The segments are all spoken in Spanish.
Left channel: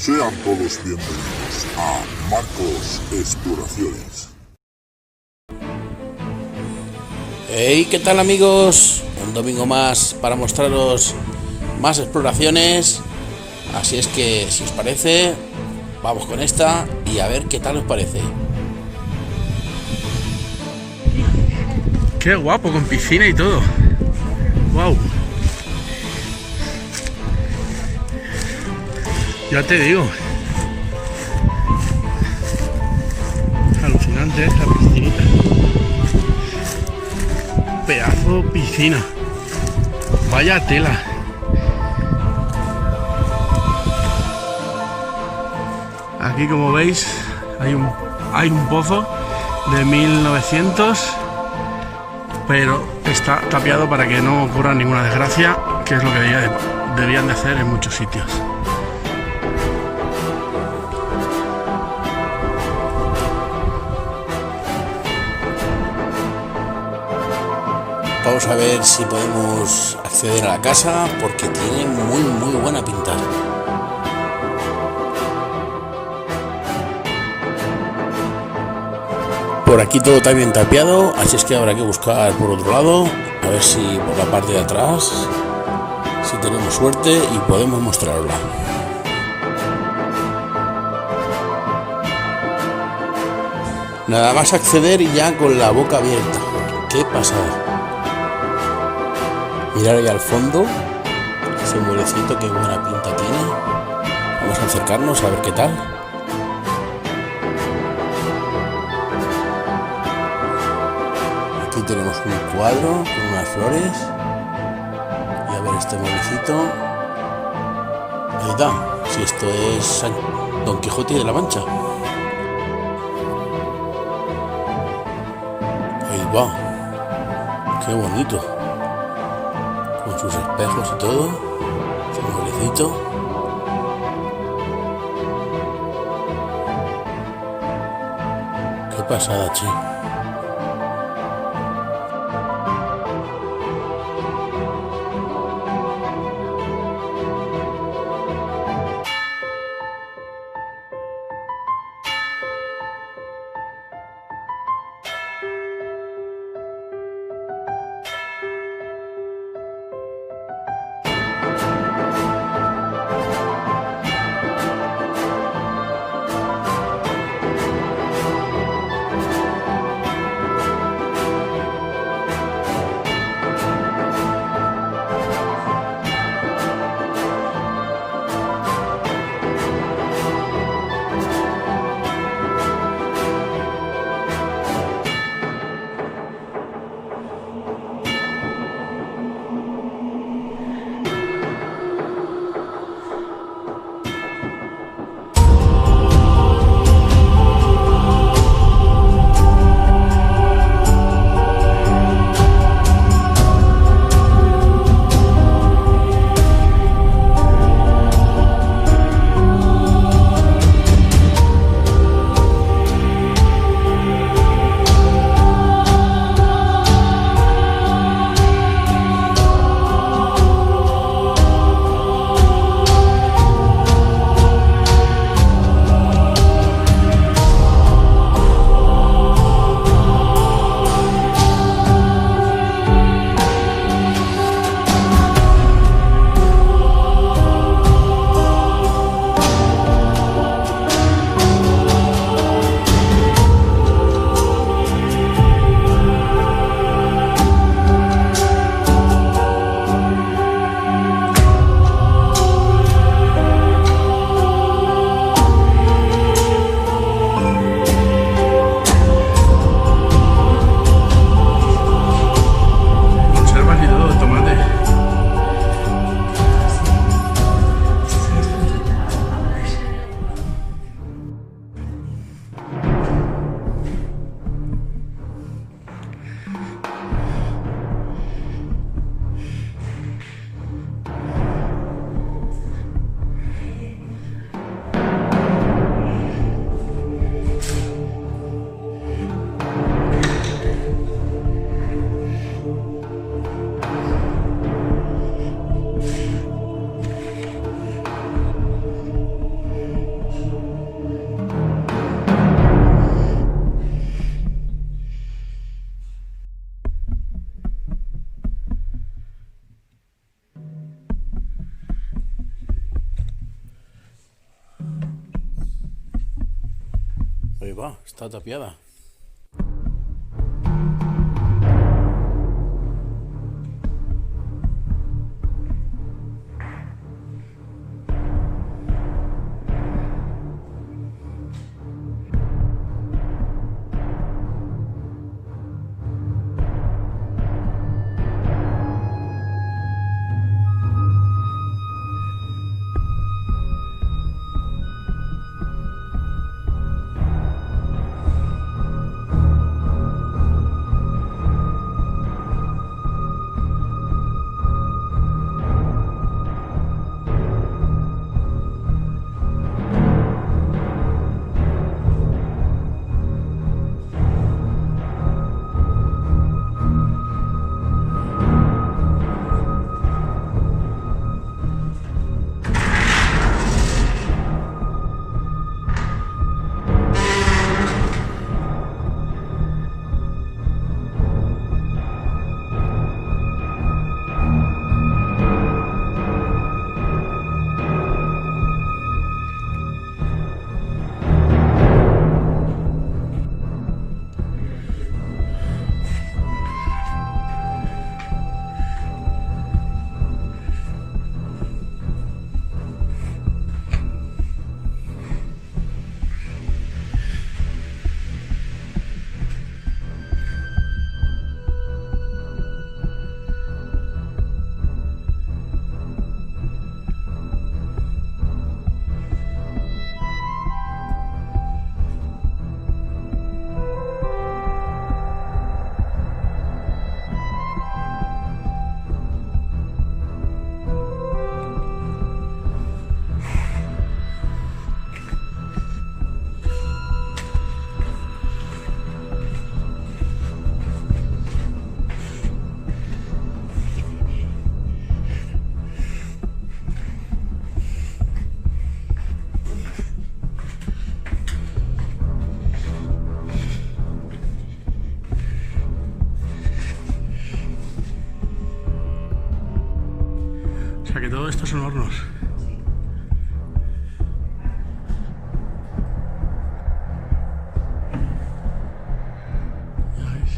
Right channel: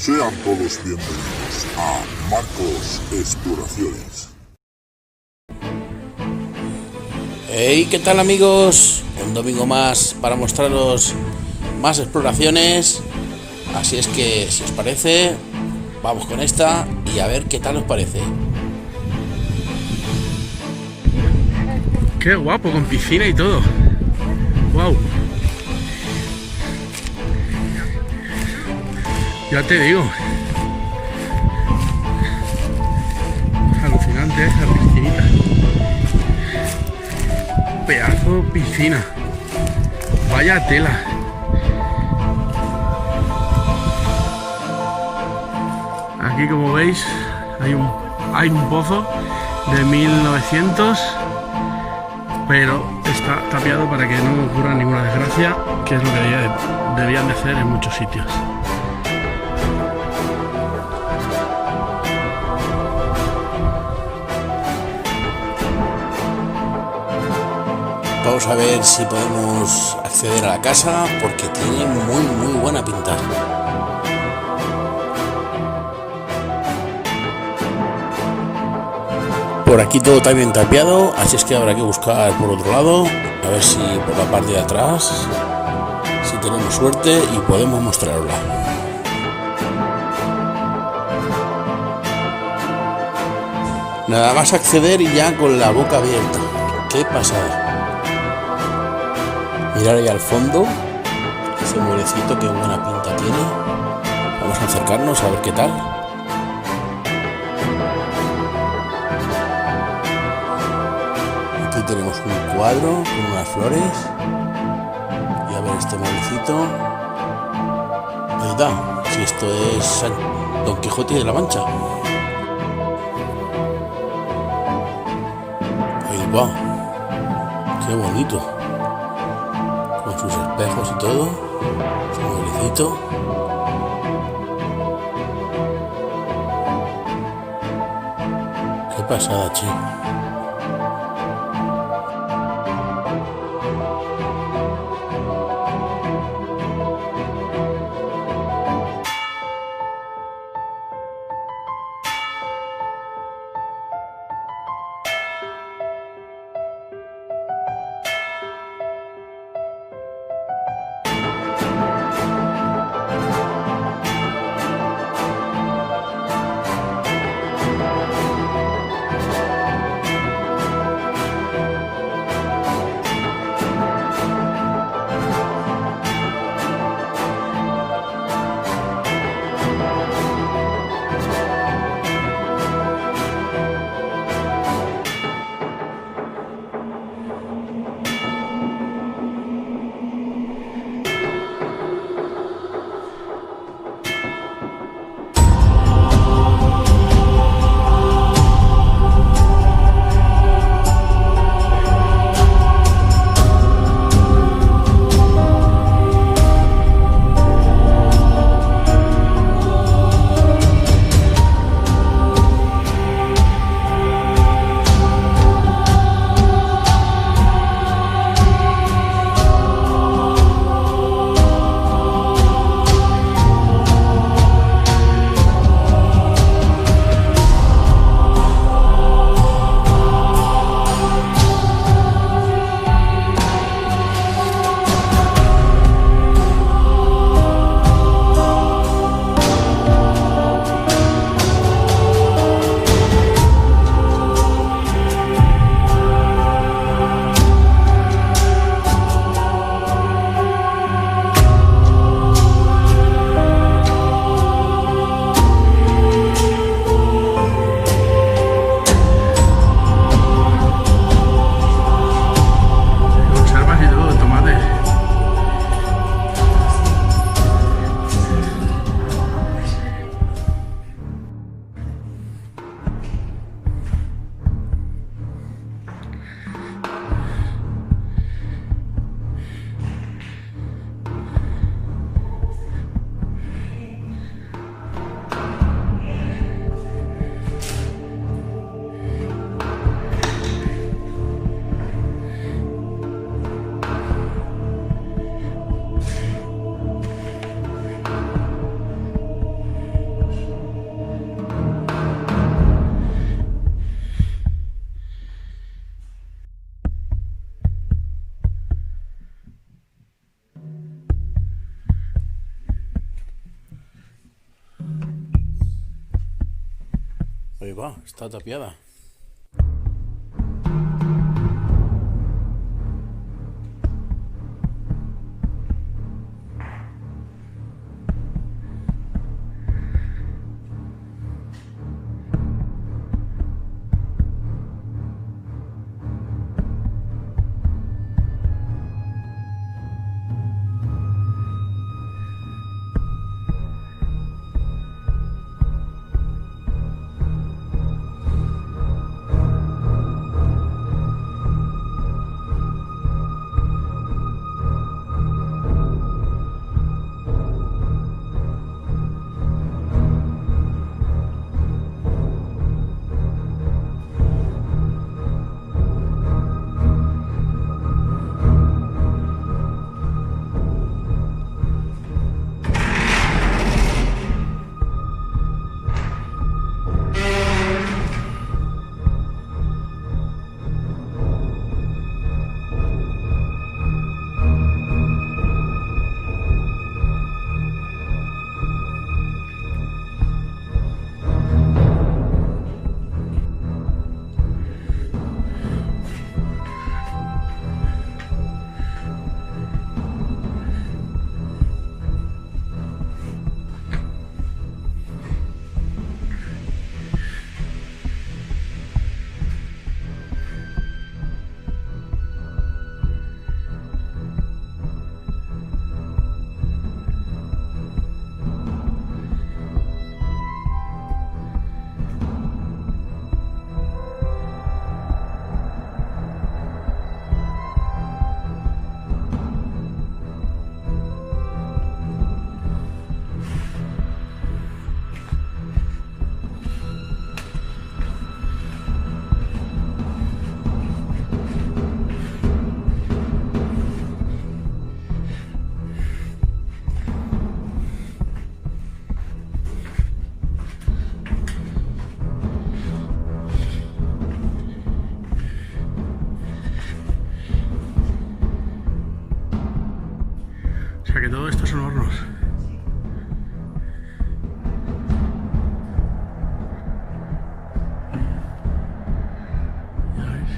Sean todos bienvenidos a Marcos Exploraciones. Hey, ¿qué tal amigos? Un domingo más para mostraros más exploraciones. Así es que, si os parece, vamos con esta y a ver qué tal os parece. Qué guapo, con piscina y todo. Wow. Ya te digo. Alucinante esa piscinita. Pedazo piscina. Vaya tela. Aquí, como veis, hay un pozo de 1900, pero está tapiado para que no ocurra ninguna desgracia, que es lo que debían de hacer en muchos sitios. Vamos a ver si podemos acceder a la casa porque tiene muy buena pinta. Por aquí todo está bien tapiado, así es que habrá que buscar por otro lado, a ver si por la parte de atrás, si tenemos suerte y podemos mostrarla. Nada más acceder y ya con la boca abierta. ¡Qué pasada! Mirar ahí al fondo, ese muelecito, qué buena pinta tiene. Vamos a acercarnos a ver qué tal. Aquí tenemos un cuadro con unas flores. Y a ver este muelecito. Ahí está, si esto es Don Quijote de la Mancha. Ahí va, qué bonito. Con sus espejos y todo, su mueblecito. Qué pasada, che. Ahí va, está tapiada. O sea que todo esto son hornos. Ya ves.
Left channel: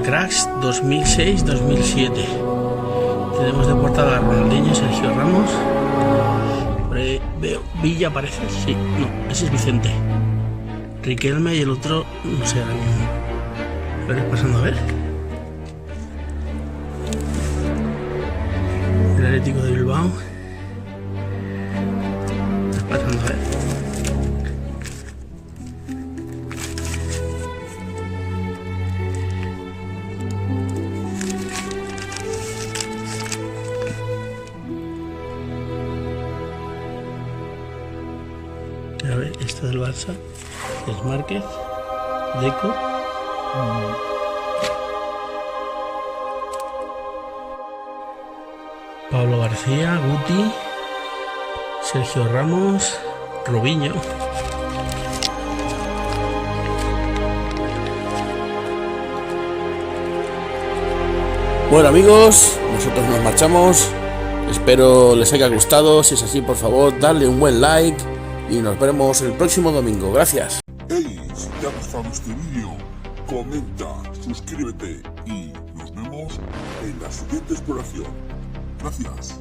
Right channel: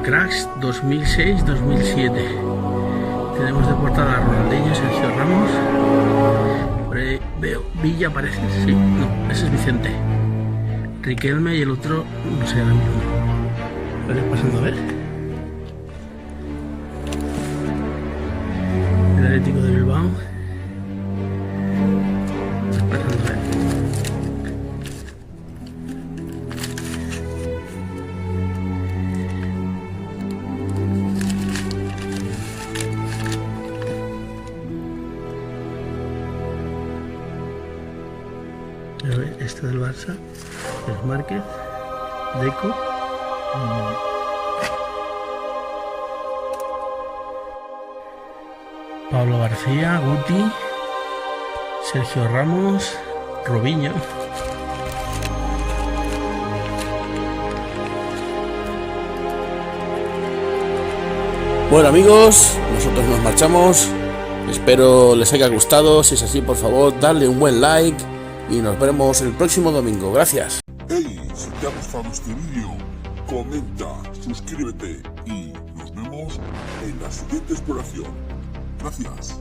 Liga Cracks 2006-2007. Tenemos de portada a Ronaldinho, Sergio Ramos. Por ahí veo Villa, parece. Sí, no, ese es Vicente. Riquelme y el otro, no sé ahora mismo. A ver, pasando a ver. El Atlético de Bilbao. Pasando a ver. A ver, esto del Barça es Márquez, Deco, Pablo García, Guti, Sergio Ramos, Robinho. Bueno amigos, nosotros nos marchamos. Espero les haya gustado. Si es así, por favor, darle un buen like y nos veremos el próximo domingo. Gracias. Hey, si te ha gustado este vídeo, comenta, suscríbete y nos vemos en la siguiente exploración. Gracias.